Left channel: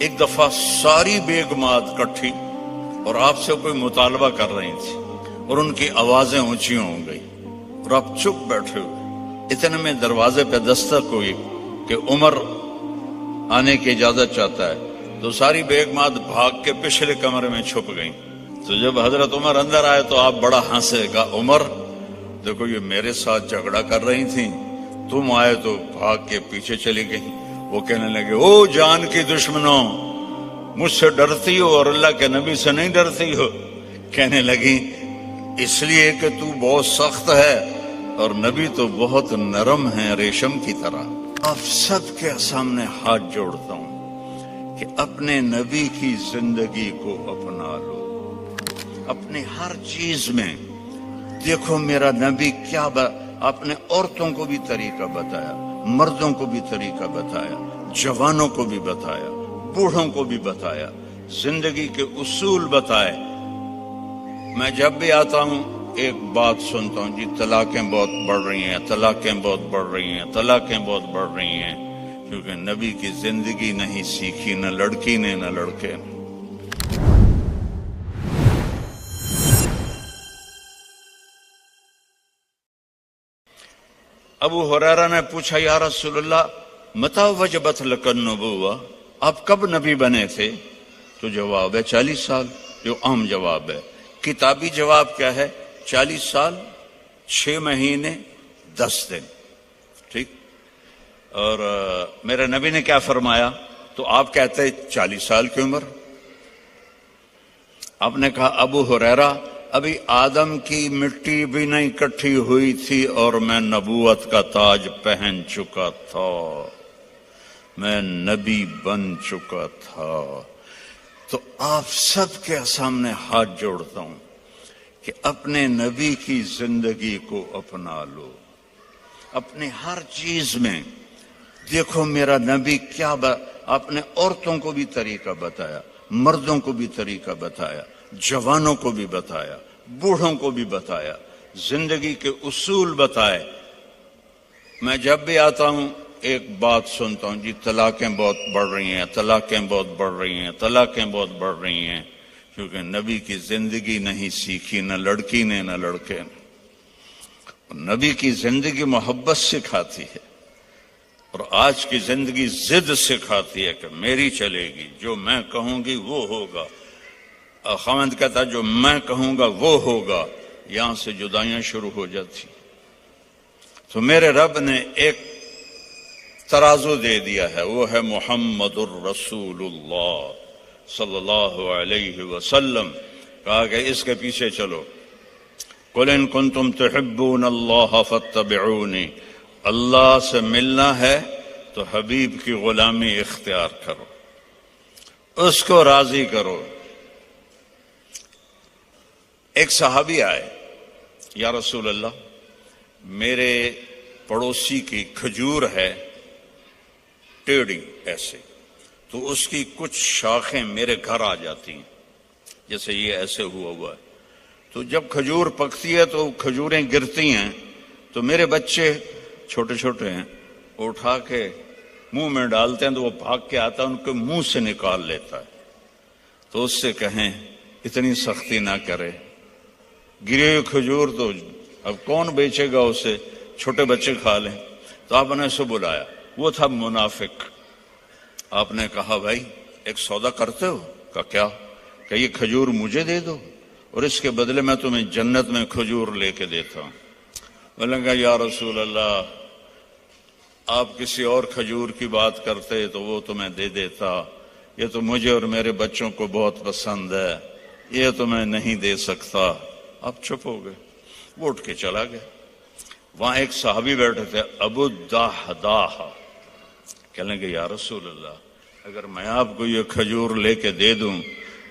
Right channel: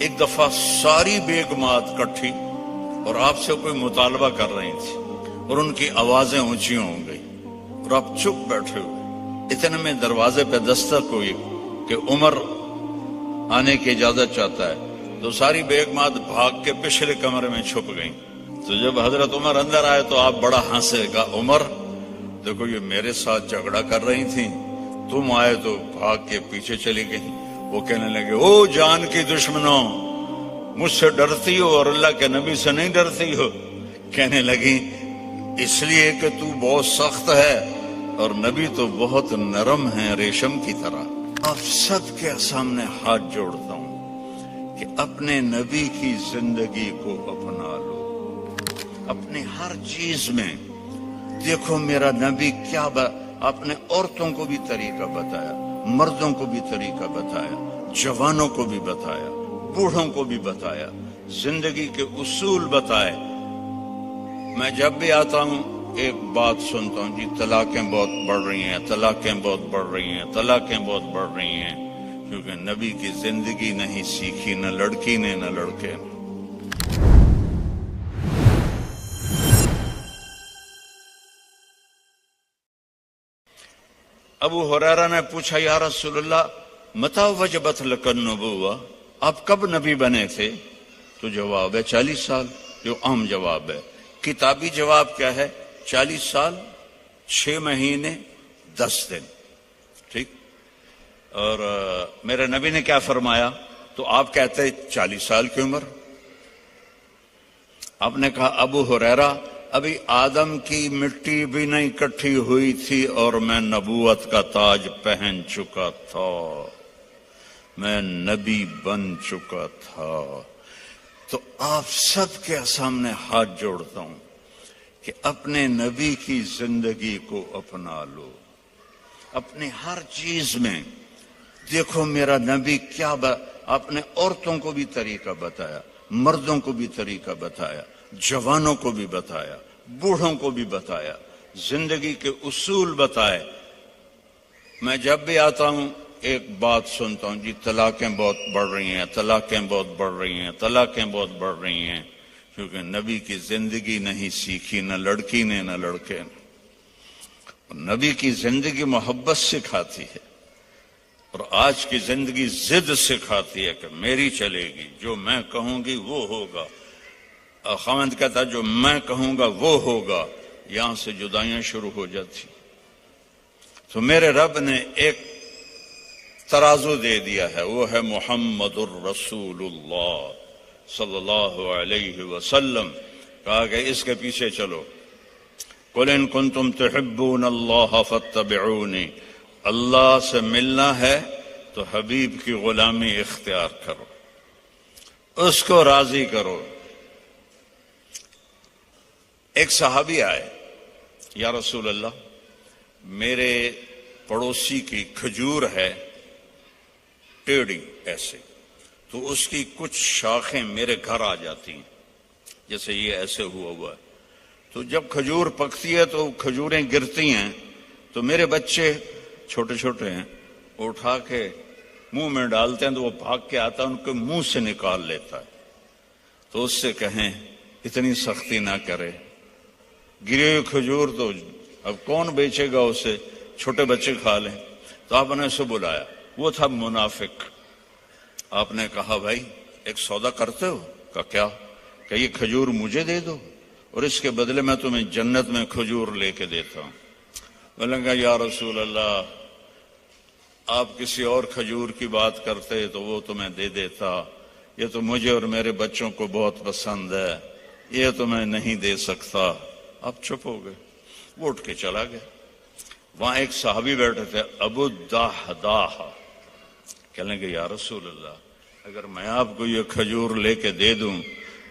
ایک دفعہ ساری بیگمات کٹھی اور آپ سے کوئی مطالبہ کر رہی تھی اور ان کی آوازیں اونچی ہو گئی اور آپ چپ بیٹھے ہوئے. اتنے میں دروازے پہ دستک ہوئی کہ عمر آنے کی اجازت چاہتا ہے. تو ساری بیگمات بھاگ کے پچھلے کمرے میں چھپ گئیں. تو جب حضرت عمر اندر آئے تو آپ بڑا ہنسے. کہا عمر دیکھو یہ میرے ساتھ جھگڑا کر رہی تھیں, تم آئے تو بھاگ کے پیچھے چلی گئی. وہ کہنے لگے او جان کی دشمنوں, مجھ سے ڈرتی ہو اور اللہ کے نبی سے نہیں ڈرتی ہو. کہنے لگی اس لیے کہ تو بہت سخت ہے اور نبی تو بہت نرم ہے ریشم کی طرح. آپ سب کے سامنے ہاتھ جوڑتا ہوں کہ اپنے نبی کی زندگی کو اپنا لو. اپنے ہر چیز میں دیکھو میرا نبی کیا اپنے عورتوں کو بھی طریقہ بتایا, مردوں کو بھی طریقہ بتایا, جوانوں کو بھی بتایا, بوڑھوں کو بھی بتایا, زندگی کے اصول بتائے. میں جب بھی آتا ہوں ایک بات سنتا ہوں, جی طلاقیں بہت بڑھ رہی ہیں, طلاقیں بہت بڑھ رہی ہیں, طلاقیں بہت بڑھ رہی ہیں, کیونکہ نبی کی زندگی نہیں سیکھی نہ لڑکی نے نہ لڑکے. ابو ہریرہ نے پوچھا یا رسول اللہ متی وجبت لک النبوہ, آپ کب نبی بنے تھے؟ تو جواب ہے 40 سال, جو عام جواب ہے. کتابی جواب کیا ہے؟ 40 سال 6 مہینے 10 دن. ٹھیک. اور میرے نبی نے کیا فرمایا؟ تو آپ کہتے 40 سال کی عمر. آپ نے کہا ابو ہریرہ ابھی آدم کی مٹی بھی نہیں کٹھی ہوئی تھی اور میں نبوت کا تاج پہن چکا تھا, میں نبی بن چکا تھا. تو آپ سب کے سامنے ہاتھ جوڑتا ہوں کہ اپنے نبی کی زندگی کو اپنا لو. اپنے ہر چیز میں دیکھو میرا نبی کیا اپنے عورتوں کو بھی طریقہ بتایا, مردوں کو بھی طریقہ بتایا, جوانوں کو بھی بتایا, بوڑھوں کو بھی بتایا, زندگی کے اصول بتائے. میں جب بھی آتا ہوں ایک بات سنتا ہوں, جی طلاقیں بہت بڑھ رہی ہیں, طلاقیں بہت بڑھ رہی ہیں, طلاقیں بہت بڑھ رہی ہیں, کیونکہ نبی کی زندگی نہیں سیکھی نہ لڑکی نے نہ لڑکے. نبی کی زندگی محبت سکھاتی ہے اور آج کی زندگی ضد سکھاتی ہے کہ میری چلے گی, جو میں کہوں گی وہ ہوگا. خاوند کہتا جو میں کہوں گا وہ ہوگا. یہاں سے جدائیاں شروع ہو جاتی. تو میرے رب نے ایک ترازو دے دیا ہے, وہ ہے محمد الرسول اللہ صلی اللہ علیہ وسلم. کہا کہ اس کے پیچھے چلو. قل ان کنتم تحبون اللہ فاتبعونی, اللہ سے ملنا ہے تو حبیب کی غلامی اختیار کرو, اس کو راضی کرو. ایک صحابی آئے, یا رسول اللہ میرے پڑوسی کی کھجور ہے ٹیڑھی ایسے, تو اس کی کچھ شاخیں میرے گھر آ جاتی ہیں, جیسے یہ ایسے ہوا ہے. تو جب کھجور پکتی ہے تو کھجوریں گرتی ہیں, تو میرے بچے چھوٹے چھوٹے ہیں, اٹھا کے منہ میں ڈالتے ہیں تو وہ بھاگ کے آتا ہے, ان کے منہ سے نکال لیتا ہے. تو اس سے کہیں اتنی سختی نہ کرے, گری ہوئی کھجور تو اب کون بیچے گا اسے, چھوٹے بچے کھا لیں. تو آپ نے اسے بلایا, وہ تھا منافق. آپ نے کہا بھائی ایک سودا کرتے ہو؟ کہا کیا؟ کہ یہ کھجور مجھے دے دو اور اس کے بدلے میں تمہیں جنت میں کھجور لے کے دیتا ہوں. بولیں گا یا رسول اللہ آپ کسی اور کھجور کی بات کرتے تو وہ تمہیں دے دیتا, یہ تو مجھے اور میرے بچوں کو بہت پسند ہے, یہ تو میں نہیں دے سکتا. آپ چپ ہو گئے, وہ اٹھ کے چلا گیا. وہاں ایک صحابی بیٹھے تھے ابو الدحداح, کہنے لگے یا رسول اللہ اگر میں آپ کو یہ کھجور لے کے دے دوں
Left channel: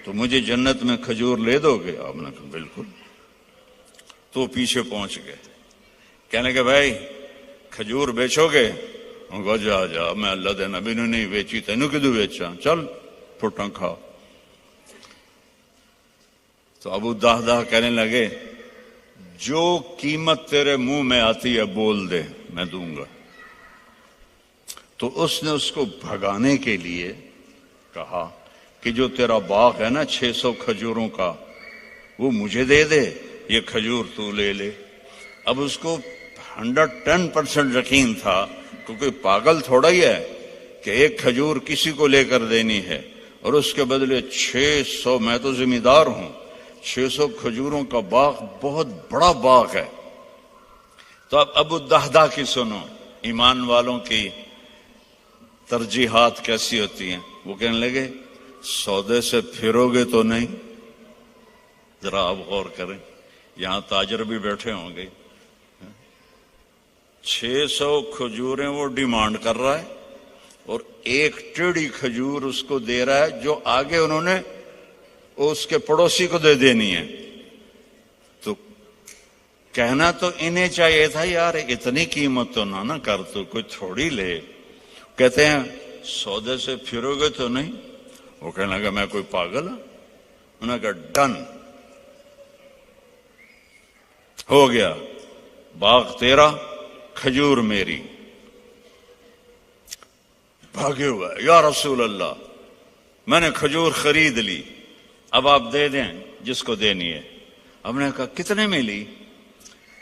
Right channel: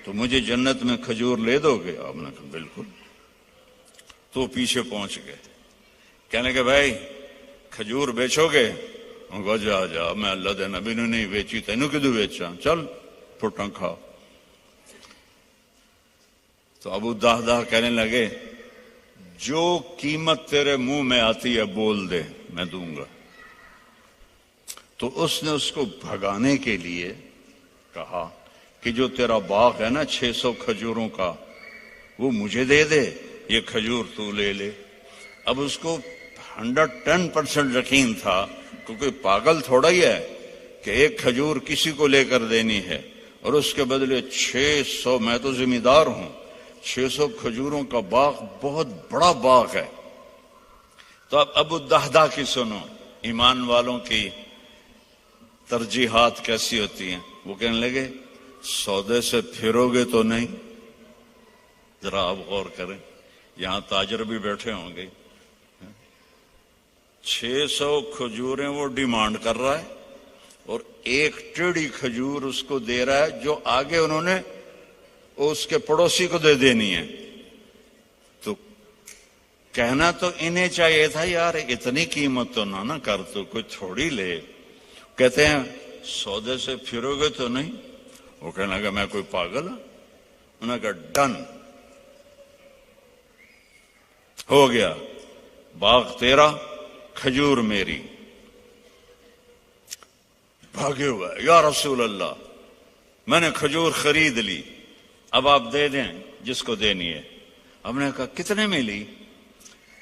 تو مجھے جنت میں کھجور لے دو گے؟ آپ نے کہا بالکل. تو پیچھے پہنچ گئے, کہنے کہ بھائی کھجور بیچو گے؟ جا جا, میں اللہ دے نبی نے نہیں بیچی, تینوں کدو بیچا, چل پھٹاں کھا. تو ابو الدحداح کہنے لگے جو قیمت تیرے منہ میں آتی ہے بول دے, میں دوں گا. تو اس نے اس کو بھگانے کے لیے کہا کہ جو تیرا باغ ہے نا 600 کھجوروں کا، وہ مجھے دے دے، یہ کھجور تو لے لے۔ اب اس کو 110% یقین تھا، کیونکہ پاگل تھوڑا ہی ہے کہ ایک کھجور کسی کو لے کر دینی ہے اور اس کے بدلے 600، میں تو ذمہ دار ہوں، 600 کھجوروں کا باغ بہت بڑا باغ ہے۔ تو اب ابو الدحداء کی سنو، ایمان والوں کی ترجیحات کیسی ہوتی ہیں۔ وہ کہنے لگے سودے سے پھرو گے تو نہیں؟ ذرا آپ غور کریں، یہاں تاجر بھی بیٹھے ہوں گے، 600 کھجوریں وہ ڈیمانڈ کر رہا ہے اور ایک ٹیڑھی کھجور اس کو دے رہا ہے جو آگے انہوں نے اس کے پڑوسی کو دے دینی ہے۔ تو کہنا تو انہیں چاہیے تھا یار اتنی قیمت تو نہ کر، تو کوئی تھوڑی لے۔ کہتے ہیں سودے سے پھرو گے تو نہیں؟ وہ کہنے لگا میں کوئی پاگل ہوں؟ انہوں نے کہا ڈن، ہو گیا، باغ تیرا، کھجور میری۔ بھاگے ہوا یا رسول اللہ میں نے کھجور خرید لی، اب آپ دے دیں جس کو دینی ہے۔ ہم نے کہا کتنے میں لی؟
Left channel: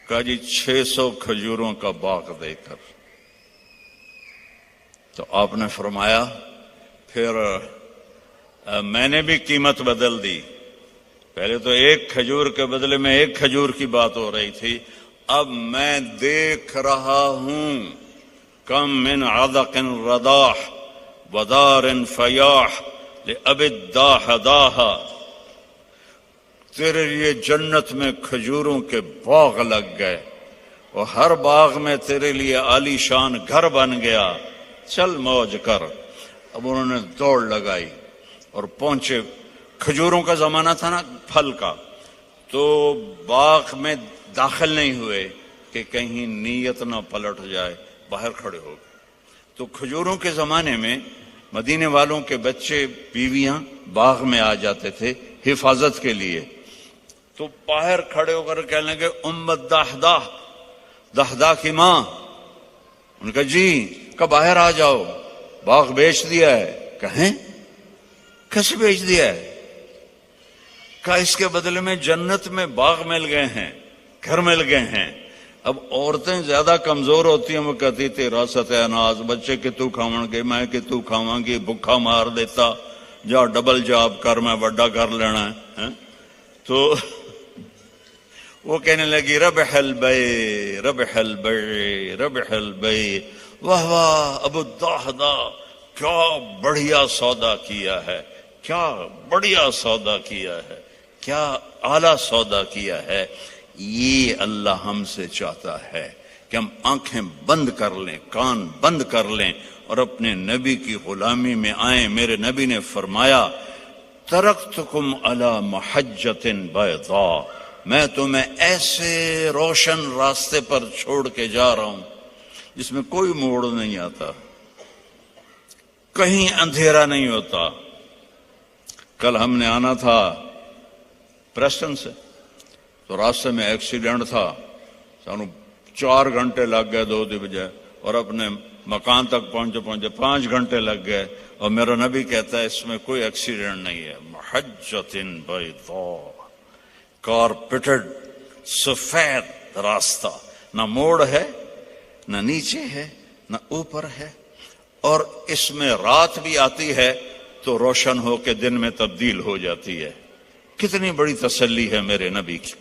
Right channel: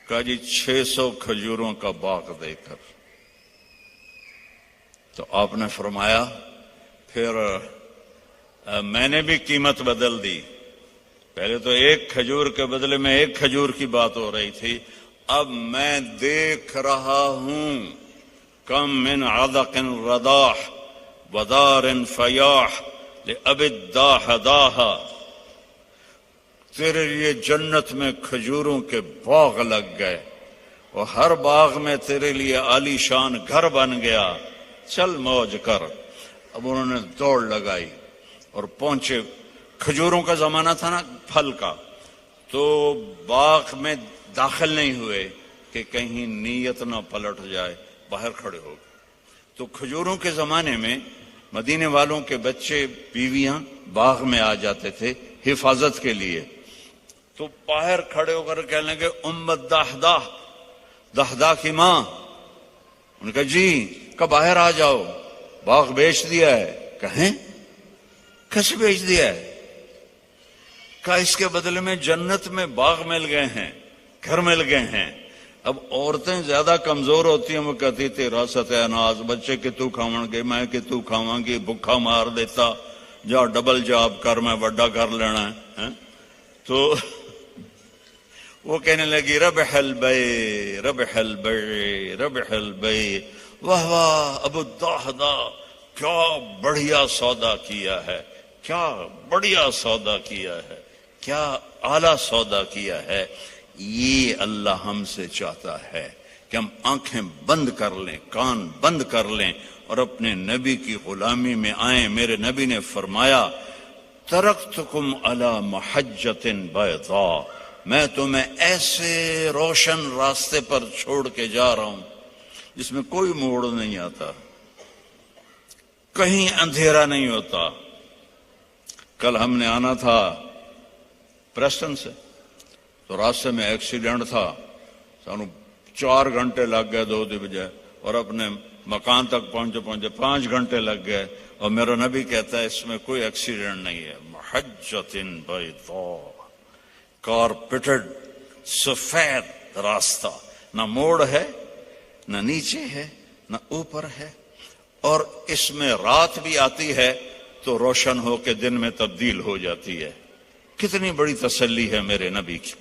کہا جی 600 کھجوروں کا باغ دے کر۔ تو آپ نے فرمایا پھر میں نے بھی قیمت بدل دی، پہلے تو ایک کھجور کے بدلے میں ایک کھجور کی بات ہو رہی تھی، اب میں دیکھ رہا ہوں کم من عدق رداح ودار فیاح لأب الداح داہا، تیرے لیے جنت میں کھجوروں کے باغ لگ گئے اور ہر باغ میں تیرے لیے عالی شان گھر بن گیا، چل موج کر۔ اب انہوں نے دوڑ لگائی اور پہنچے، کھجوروں کا زمانہ تھا نا پھل کا، تو باغ میں داخل نہیں ہوئے کہ کہیں نیت نہ پلٹ جائے، باہر کھڑے ہو گئے۔ تو کھجوروں کے زمانے میں مدینے والوں کے بچے بیویاں باغ میں آ جاتے تھے حفاظت کے لیے، تو باہر کھڑے ہو کر کہنے لگے امت دحداء، دحداء کی ماں۔ ان کا جی کہ باہر آ جاؤ، باغ بیچ دیا ہے۔ کہیں کیسے بیچ دیا ہے؟ کہا اس کے بدلے میں جنت میں باغ مل گئے ہیں، گھر مل گئے ہیں۔ اب عورتیں زیادہ کمزور ہوتی ہیں، وہ کہتی تھی راست ہے اناز، بچے کہ تو کھاواں گے، میں کہ تو کھاواں گی، بھکھا مار دیتا، جا ڈبل جاب کر، میں بڑا کر لینا ہے۔ تو وہ کہنے لگی ربح البیع ربح البیع ربح البیع، واہ واہ ابو الدحداء کیا بڑھیا سودا کیا ہے، کیا بڑھیا سودا کیا ہے، کیا اعلیٰ سودا کیا ہے۔ یہ اللہ ہم سے چاہتا ہے کہ ہم آنکھیں بند کر لیں، کان بند کر لیں اور اپنے نبی کی غلامی میں آئیں۔ میرے نبی نے فرمایا ترکتکم علی محجۃ بیضاء، میں تمہیں ایسے روشن راستے پر چھوڑ کے جا رہا ہوں جس میں کوئی موڑ نہیں آتا، کہیں اندھیرا نہیں ہوتا۔ کل ہم نے آنا تھا پریسٹن سے، تو راستے میں ایکسیڈنٹ تھا، سانو 4 گھنٹے لگ گئے 2 دی بجائے، اور اپنے مکان تک پہنچے 5 گھنٹے لگ گئے، اور میرا نبی کہتا ہے اس میں کوئی ایکسیڈنٹ نہیں ہے۔ محجۃ بیضاء، کارپیٹڈ سفید راستہ، نہ موڑ ہے، نہ نیچے ہے، نہ اوپر ہے، اور اس میں رات بھی آتی ہے تو روشن ہو کے دن میں تبدیل ہو جاتی ہے۔ کتنی بڑی تسلی ہے میرے نبی کی۔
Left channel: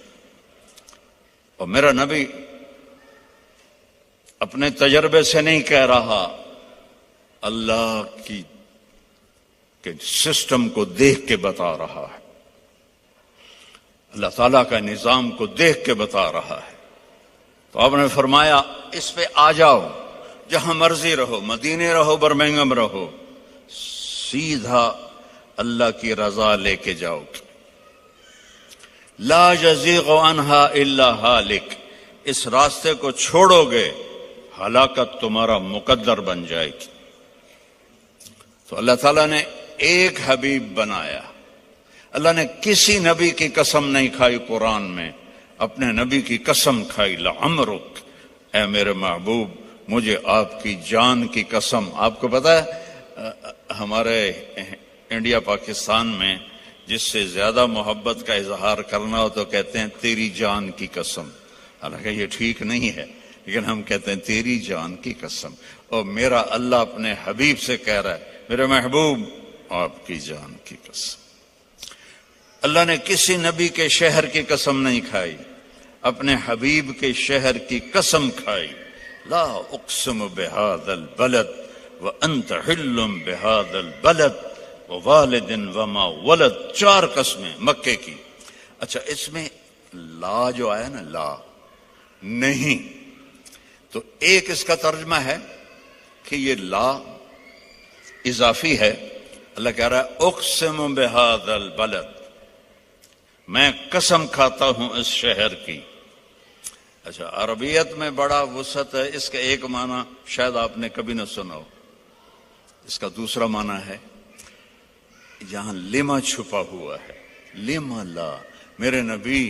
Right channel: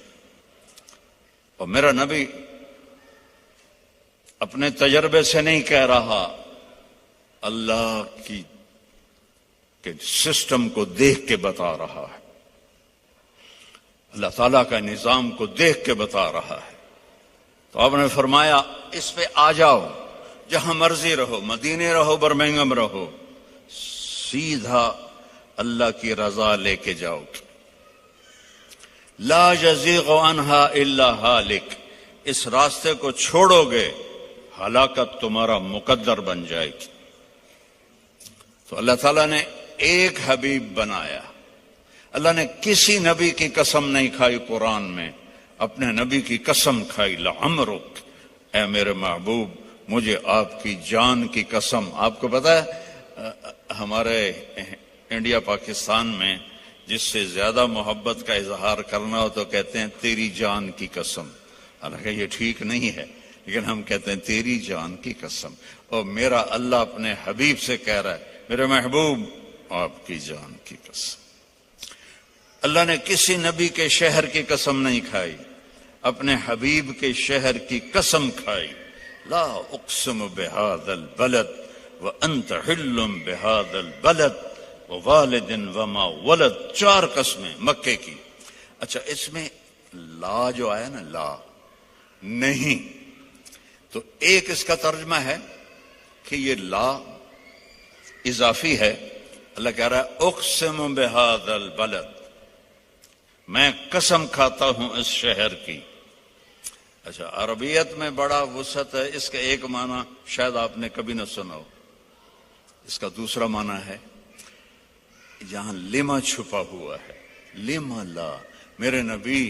اور میرا نبی اپنے تجربے سے نہیں کہہ رہا، اللہ کی کے سسٹم کو دیکھ کے بتا رہا ہے، اللہ تعالیٰ کا نظام کو دیکھ کے بتا رہا ہے۔ تو آپ نے فرمایا اس پہ آ جاؤ، جہاں مرضی رہو، مدینے رہو، برمنگھم رہو، سیدھا اللہ کی رضا لے کے جاؤ۔ لا یزیغ عنہا الا ہالک، اس راستے کو چھوڑو گے ہلاکت تمہارا مقدر بن جائے گی۔ تو اللہ تعالیٰ نے ایک حبیب بنایا، اللہ نے کسی نبی کی قسم نہیں کھائی قرآن میں، اپنے نبی کی قسم کھائی، لعمرک، اے میرے محبوب مجھے آپ کی جان کی قسم۔ آپ کو پتا ہے ہمارے انڈیا پاکستان میں جس سے زیادہ محبت کا اظہار کرنا ہو تو کہتے ہیں تیری جان کی قسم، حالانکہ یہ ٹھیک نہیں ہے، لیکن ہم کہتے ہیں تیری جان کی قسم۔ اور میرا اللہ اپنے حبیب سے کہہ رہا ہے میرے محبوب آپ کی جان کی قسم۔ اللہ نے کسی نبی کے شہر کی قسم نہیں کھائی، اپنے حبیب کے شہر کی قسم کھائی۔ لا اقسم بہذا البلد وانت حل بہذا البلد ووالد وما ولد، 4 قسمیں مکے کی۔ اچھا اس میں لا جو آیا نا، لا نہیں، تو ایک اس کا ترجمہ ہے کہ یہ لا اضافی ہے۔ اللہ کہہ رہا ہے اقسم بہذا البلد، میں قسم کھاتا ہوں اس شہر کی۔ اچھا عربیت میں بڑا وسعت ہے، اس کا ایک معنی شاید آپ نے کبھی نہ سنا ہو، اس کا دوسرا معنی ہے یہاں لما چھپا ہوا ہے، لما لا، میرے نبی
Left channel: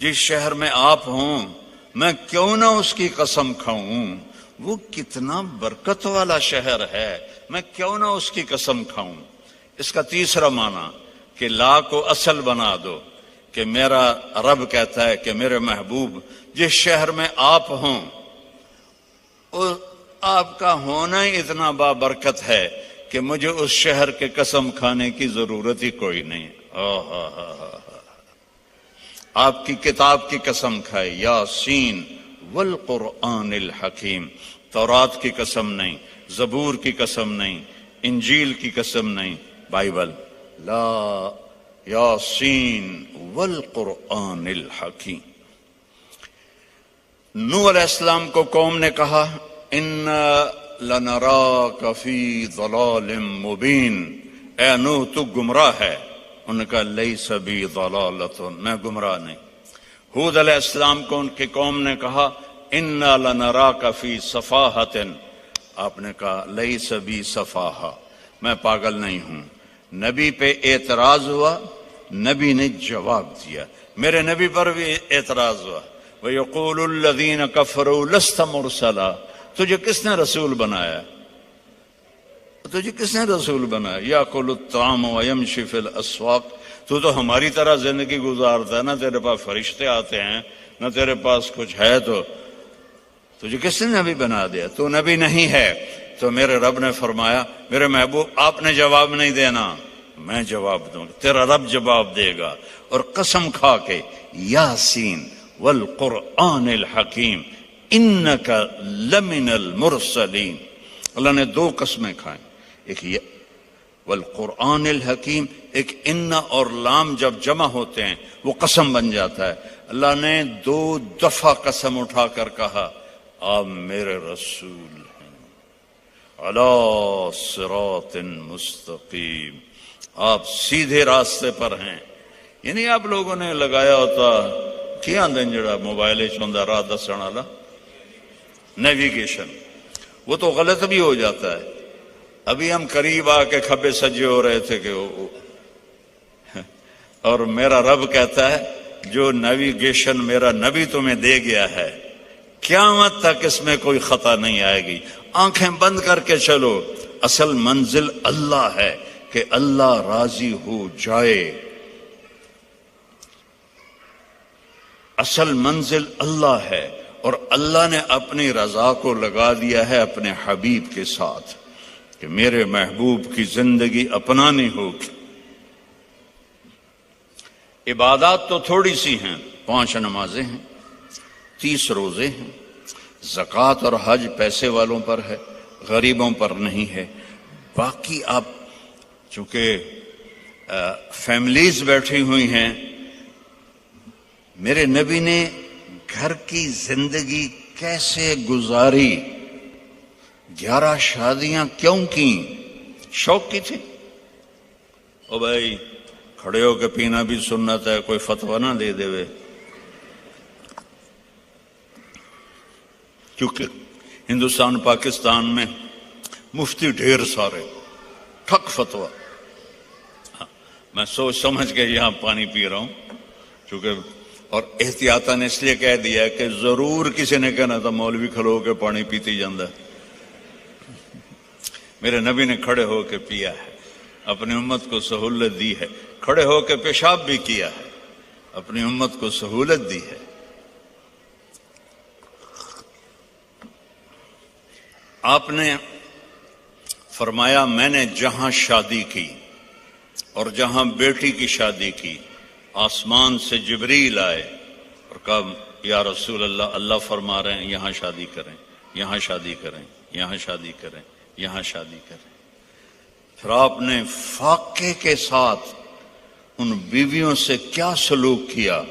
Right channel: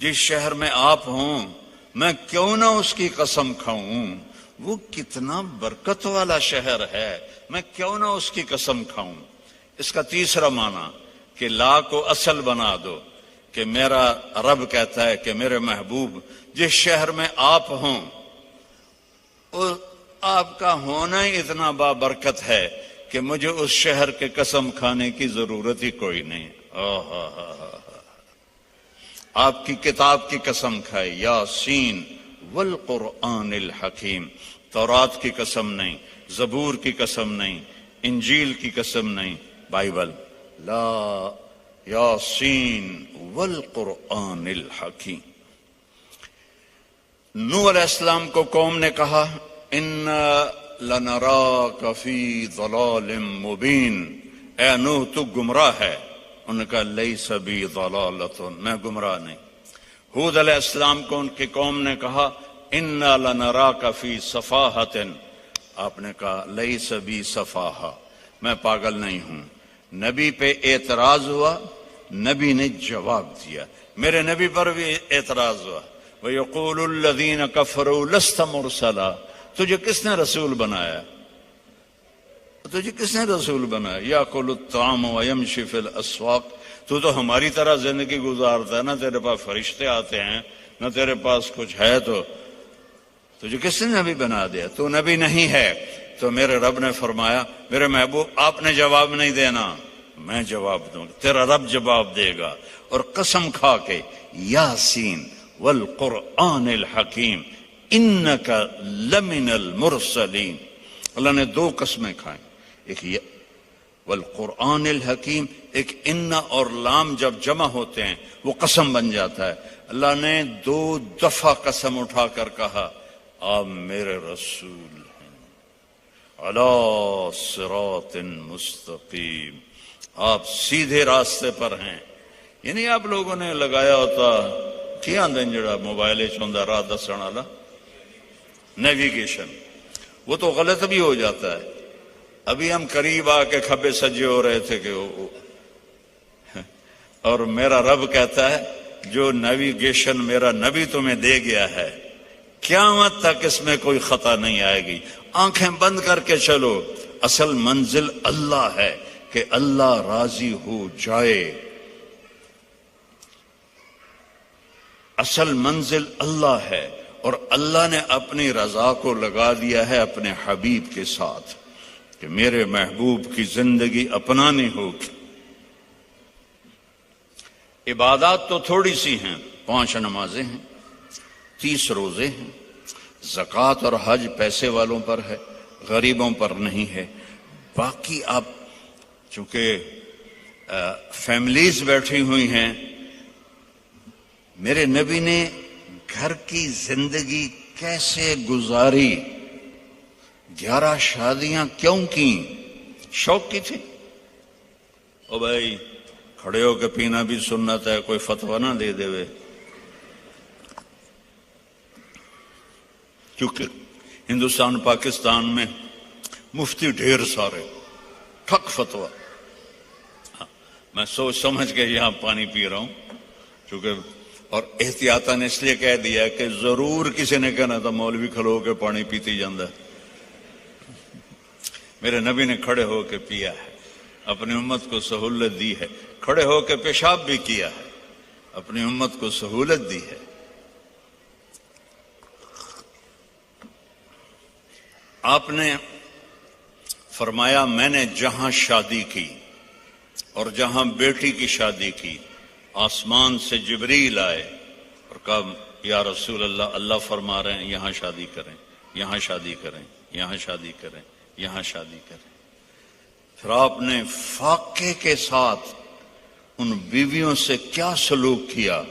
جس شہر میں آپ ہوں میں کیوں نہ اس کی قسم کھاؤں، وہ کتنا برکت والا شہر ہے، میں کیوں نہ اس کی قسم کھاؤں۔ اس کا تیسرا معنی کہ لا کو اصل بنا دو، کہ میرا رب کہتا ہے کہ میرے محبوب جس شہر میں آپ ہوں آپ کا ہونا ہی اتنا بابرکت ہے کہ مجھے اس شہر کے قسم کھانے کی ضرورت ہی کوئی نہیں۔ آپ کی کتاب کی قسم کھائے، یاسین والقرآن الحکیم، تورات کی قسم نہیں، زبور کی قسم نہیں، انجیل کی قسم نہیں، بائبل، لا یاسین والقرآن الحکیم۔ نوح علیہ السلام کو قوم نے کہا اِنَّا لَنَرَاكَ فِي ضَلَالٍ مُبِينٍ، اے نوح تو گمراہ ہے۔ ان کا لیس بی ضلالۃ، میں گمراہ نہیں۔ ہود علیہ السلام کو ان کی قوم نے کہا اِنَّا لَنَرَاكَ فِي صَفَاحَةٍ، آپ نے کہا لیس بی صفاحہ، میں پاگل نہیں ہوں۔ نبی پہ اعتراض ہوا، نبی نے جواب دیا، میرے نبی پر بھی اعتراض ہوا۔ وَيَقُولُ الَّذِينَ كَفَرُوا لَسْتَ مُرْسَلًا، تجھے کس نے رسول بنایا، تجھے کس نے رسول بنایا؟ یَأْكُلُ الطَّعَامَ وَيَمْشِي فِي الْأَسْوَاقِ، تو ہماری طرح زندگی گزارتا ہے، نہ تیرے پاس فرشتے آتے ہیں نہ تیرے پاس کچھ ہے، تو تجھے کس نے نبی بنا دیا؟ تو نبی نہیں ہے۔ تو میرے رب نے فرمایا میرے محبوب آپ نے جواب نہیں دینا، میں جواب دوں گا، تیرا رب جواب دے گا۔ اور قسم کھا کے یاسین والقرآن الحکیم انک لمن المرسلین، اللہ نے 2 قسمیں کھائیں، ایک یہ والقرآن الحکیم، ایک ان اور لام جب جمع ہوتے ہیں وہ قسم بن جاتا ہے۔ اللہ نے 2 دفعہ قسم اٹھا کر کہا آپ میرے رسول ہیں، علی صراط مستقیم، آپ سیدھے راستے پر ہیں۔ یعنی آپ لوگوں نے لگایا ہوتا کیا دن جڑا موبائل چوندا راہ دسن والا نیویگیشن، وہ تو غلط بھی ہو جاتا ہے۔ ابھی ہم قریب آ کے کھبے سجے ہو رہے تھے کہ اور میرا رب کہتا ہے جو نیویگیشن میرا نبی تمہیں دے گیا ہے قیامت تک اس میں کوئی خطا نہیں آئے گی، آنکھیں بند کر کے چلو۔ اصل منزل اللہ ہے کہ اللہ راضی ہو جائے، اصل منزل اللہ ہے، اور اللہ نے اپنی رضا کو لگا دیا ہے اپنے حبیب کے ساتھ کہ میرے محبوب کی زندگی اپنانی ہوگی۔ عبادات تو تھوڑی سی ہیں، 5 نمازیں ہیں، 30 روزے ہیں، زکوٰۃ اور حج پیسے والوں پر ہے، غریبوں پر نہیں ہے۔ باقی آپ چونکہ فیملیز بیٹھی ہوئی ہیں، میرے نبی نے گھر کی زندگی کیسے گزاری، 11 شادیاں کیوں کی؟ شوق کی تھی؟ او بھائی کھڑے ہو کے پینا بھی سنت ہے، کوئی فتویٰ نہ دے دے، کیونکہ ہندوستان پاکستان میں مفتی ڈھیر سارے، ٹھک فتویٰ۔ میں سوچ سمجھ کے یہاں پانی پی رہا ہوں، کیونکہ اور احتیاطاً اس لیے کہہ دیا کہ ضرور کسی نے کہنا تھا مولوی کھلو کے پانی پیتی جاندہ، میرے نبی نے کھڑے ہو کے پیا ہے۔ اپنی امت کو سہولت دی ہے، کھڑے ہو کے پیشاب بھی کیا ہے، اپنی امت کو سہولت دی ہے۔ آپ نے فرمایا میں نے جہاں شادی کی اور جہاں بیٹی کی شادی کی، آسمان سے جبریل آئے اور کہا یا رسول اللہ، اللہ فرما رہے ہیں یہاں شادی کریں، یہاں شادی کریں، یہاں شادی کریں، یہاں شادی کریں۔ پھر آپ نے فاقے کے ساتھ ان بیویوں سے کیا سلوک کیا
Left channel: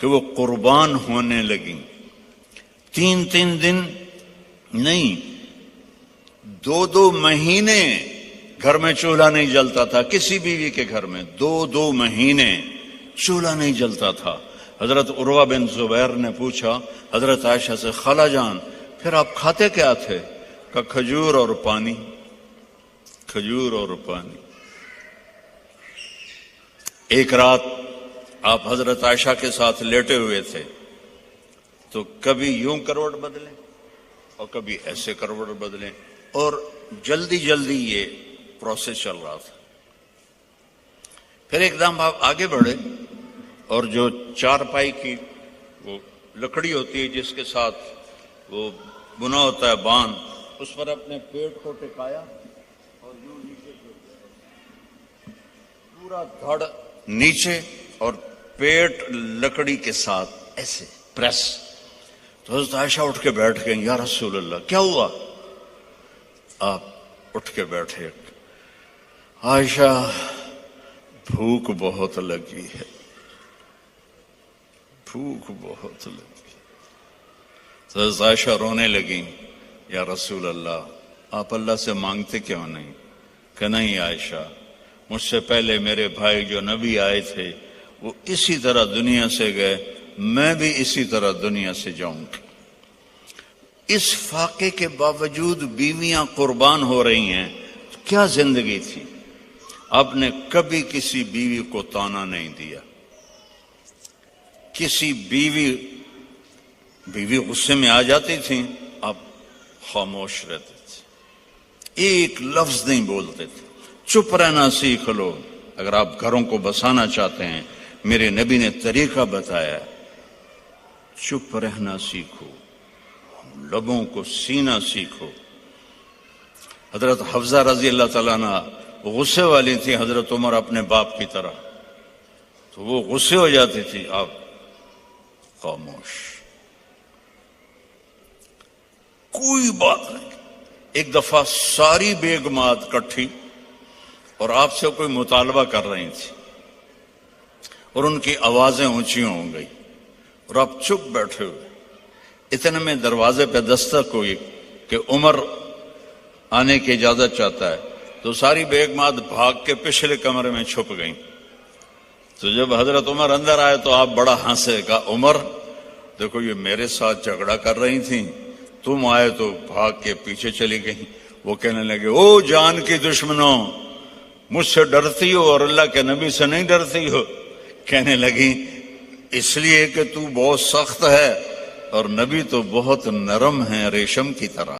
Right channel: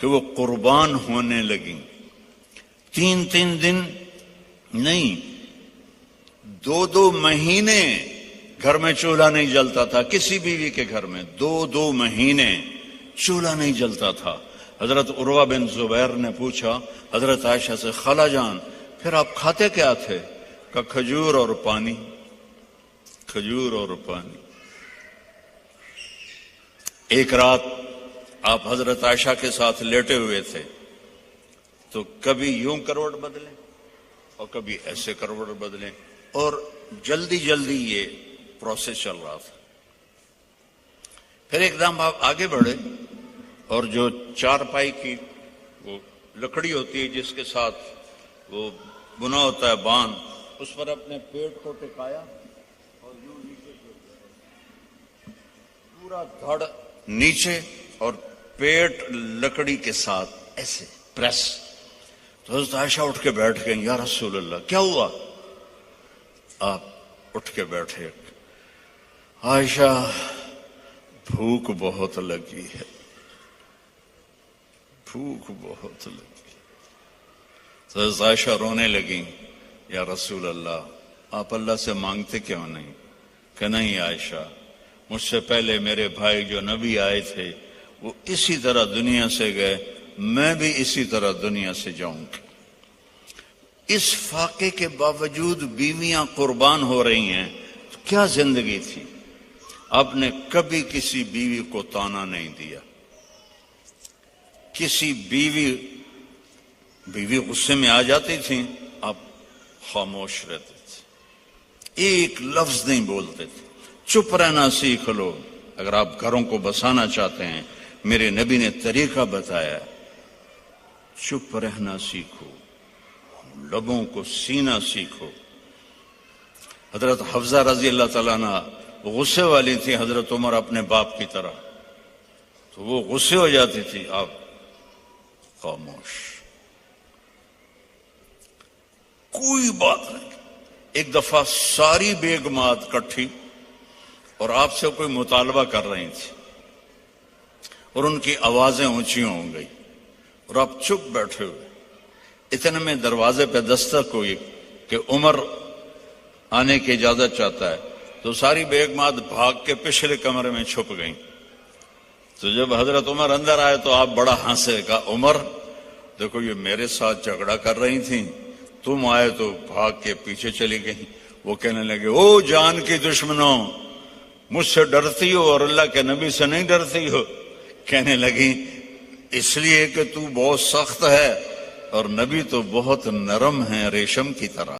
کہ وہ قربان ہونے لگیں۔ 3 دن نہیں، 2 مہینے گھر میں چولہا نہیں جلتا تھا، کسی بیوی کے گھر میں 2 مہینے چولہا نہیں جلتا تھا۔ حضرت عروہ بن زبیر نے پوچھا حضرت عائشہ سے، خالہ جان پھر آپ کھاتے کیا تھے؟ کہ کھجور اور پانی، کھجور اور پانی۔ ایک رات آپ حضرت عائشہ کے ساتھ لیٹے ہوئے تھے تو کبھی یوں کروٹ بدلیں اور کبھی ایسے کروٹ بدلیں، اور جلدی جلدی یہ پروسیس چل رہا تھا۔ پھر ایک دم آپ آگے بڑھے اور جو چارپائی کی وہ لکڑی ہوتی ہے جس کے ساتھ وہ بنا ہوتا ہے بان، اس پر اپنے پیٹ کو ٹکایا اور یوں نیچے پورا دھڑ نیچے اور پیٹ لکڑی کے ساتھ ایسے پریس۔ تو حضرت عائشہ اٹھ کے بیٹھ گئیں، یا رسول اللہ کیا ہوا؟ آپ اٹھ کے بیٹھے، عائشہ بھوک بہت لگی ہے، بھوک بہت لگی۔ تو حضرت عائشہ رونے لگی، یا رسول اللہ آپ اللہ سے مانگتے کیوں نہیں؟ کہ نہیں عائشہ، مجھ سے پہلے میرے بھائی جو نبی آئے تھے وہ اسی طرح دنیا سے گئے، میں بھی اسی طرح دنیا سے جاؤں گی۔ اس فاقے کے باوجود بیویاں قربان ہو رہی ہیں، کیا زندگی تھی۔ آپ نے کبھی کسی بیوی کو تانا نہیں دیا، کسی بیوی غصے میں آ جاتی تھی آپ خاموش رہتے تھے، ایک لفظ نہیں بولتے تھے۔ چپ رہنا سیکھ لو، اگر آپ گھروں کو بسانا چاہتے ہیں، میرے نبی نے طریقہ بتایا، چپ رہنا سیکھو، لبوں کو سینا سیکھو۔ حضرت حفصہ رضی اللہ تعالیٰ عنہ غصے والی تھی حضرت عمر اپنے باپ کی طرح، تو وہ غصے ہو جاتی تھی، آپ خاموش، کوئی بات نہیں۔ ایک دفعہ ساری بیگمات کٹھی اور آپ سے کوئی مطالبہ کر رہی تھی اور ان کی آوازیں اونچی ہو گئی اور آپ چپ بیٹھے ہوئے۔ اتنے میں دروازے پہ دستک ہوئی کہ عمر آنے کی اجازت چاہتا ہے، تو ساری بیگمات بھاگ کے پچھلے کمرے میں چھپ گئیں۔ تو جب حضرت عمر اندر آئے تو آپ بڑا ہنسے، کہا عمر دیکھو یہ میرے ساتھ جھگڑا کر رہی تھیں، تم آئے تو بھاگ کے پیچھے چلی گئیں۔ وہ کہنے لگے، او جان کی دشمنوں، مجھ سے ڈرتی ہو اور اللہ کے نبی سے نہیں ڈرتی ہو؟ کہنے لگی اس لیے کہ تو بہت سخت ہے اور نبی تو بہت نرم ہے، ریشم کی طرح۔